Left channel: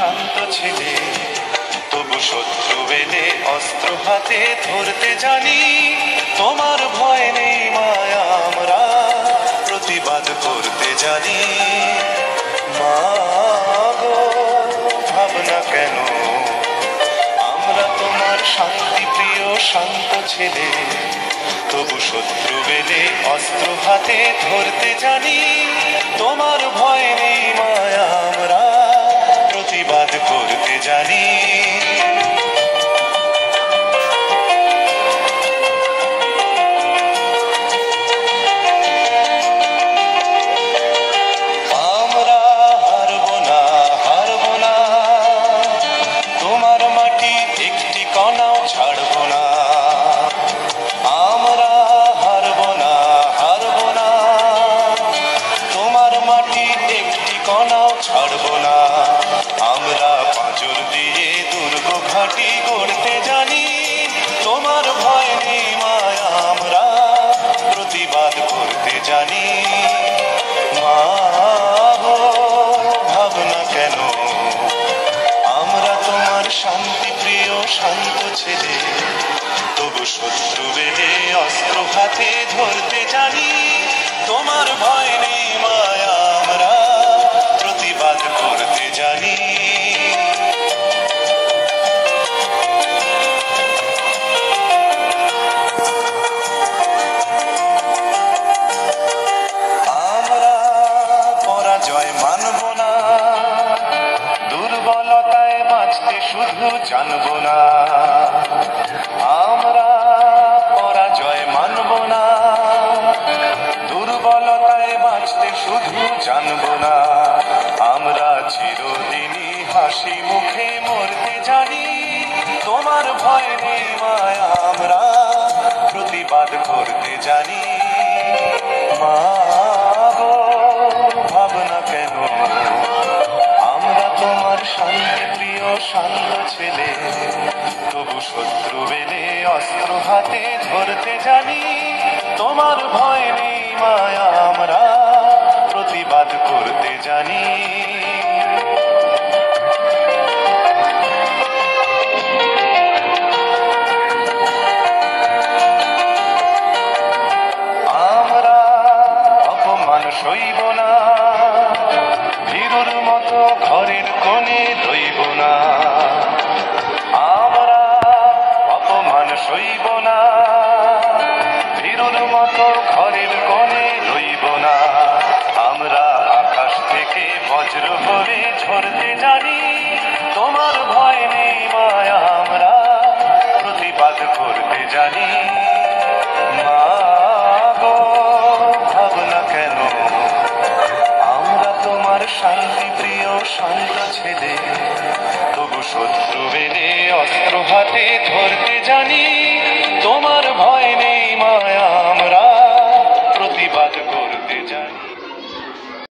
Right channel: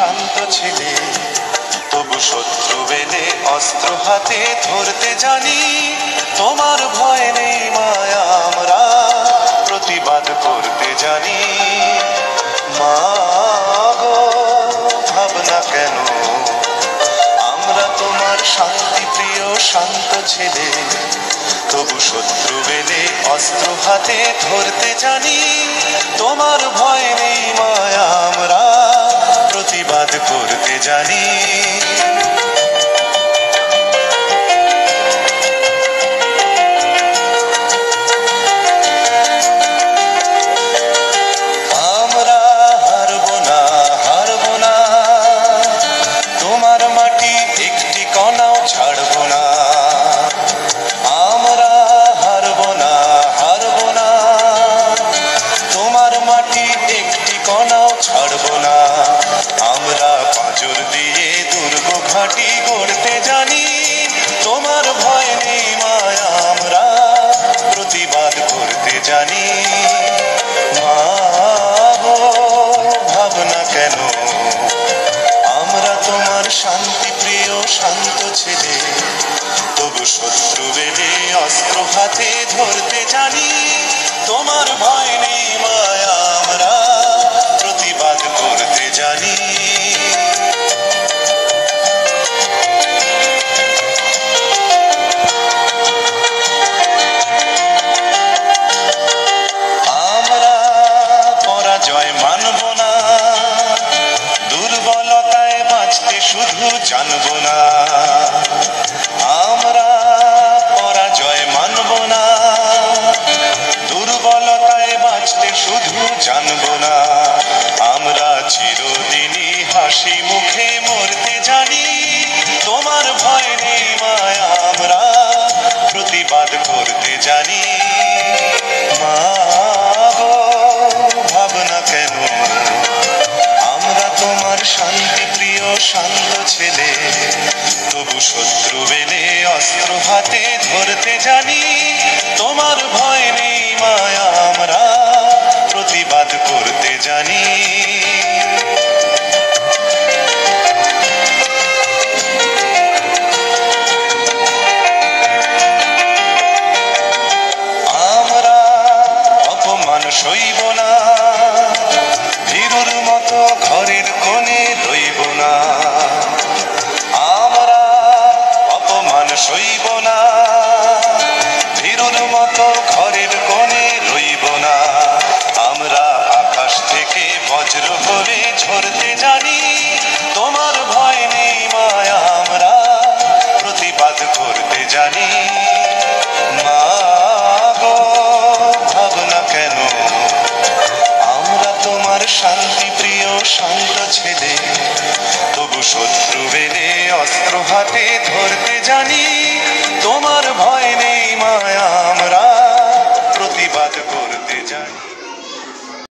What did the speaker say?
শান্ত ছেলে, তবু শত্রু এলে অস্ত্র হাতে ধরতে জানি। তোমার ভয় নেই মায়া, আমরা প্রতিবাদ করতে জানি। মা গো, ভাবনা কেন, আমরা তোমার শান্তি প্রিয় শান্ত ছেলে, তবু শত্রু এলে অস্ত্র হাতে ধরতে জানি। তোমার ভয় নেই মায়া, আমরা প্রতিবাদ করতে জানি। আমরা হারব না, হারব না, তোমার মাটি একটি কণাও ছাড়ব না। আমরা হারব না, হারব না, তোমার মাটি একটি কণাও ছাড়ব না। আমরা পাঁজর দিয়ে দুর্গ ঘাঁটি গড়তে জানি। তোমার ভয় নেই মায়া, আমরা প্রতিবাদ করতে জানি। মা গো, ভাবনা কেন, আমরা তোমার শান্তি প্রিয় শান্ত ছেলে, তবু শত্রু এলে অস্ত্র হাতে ধরতে জানি। তোমার ভয় নেই মায়া, আমরা প্রতিবাদ করতে জানি। আমরা পরাজয় মানব না, দুর্বলতায় বাঁচতে শুধু জানব না। আমরা পরাজয় মানব না, দুর্বলতায় বাঁচতে শুধু জানব না। আমরা চিরদিনই হাসি মুখে মরতে জানি। তোমার ভয় নেই মায়া, আমরা প্রতিবাদ করতে জানি। মা গো, ভাবনা কেন, আমরা তোমার শান্তি প্রিয় শান্ত ছেলে, তবু শত্রু এলে অস্ত্র হাতে ধরতে জানি। তোমার ভয় নেই মায়া, আমরা প্রতিবাদ করতে জানি। আমরা অপমান সইব না, ভীরুর মতো ঘরের কোণে রইব না। আমরা অপমান সইব না, ভীরুর মতো ঘরের কোণে রইব না। আমরা আকাশ থেকে বজ্র করে ঝরতে জানি। তোমার ভয় নেই মায়া, আমরা প্রতিবাদ করতে জানি। মা গো, ভাবনা কেন, আমরা তোমার শান্তি প্রিয় শান্ত ছেলে, তবু শত্রু এলে অস্ত্র হাতে ধরতে জানি।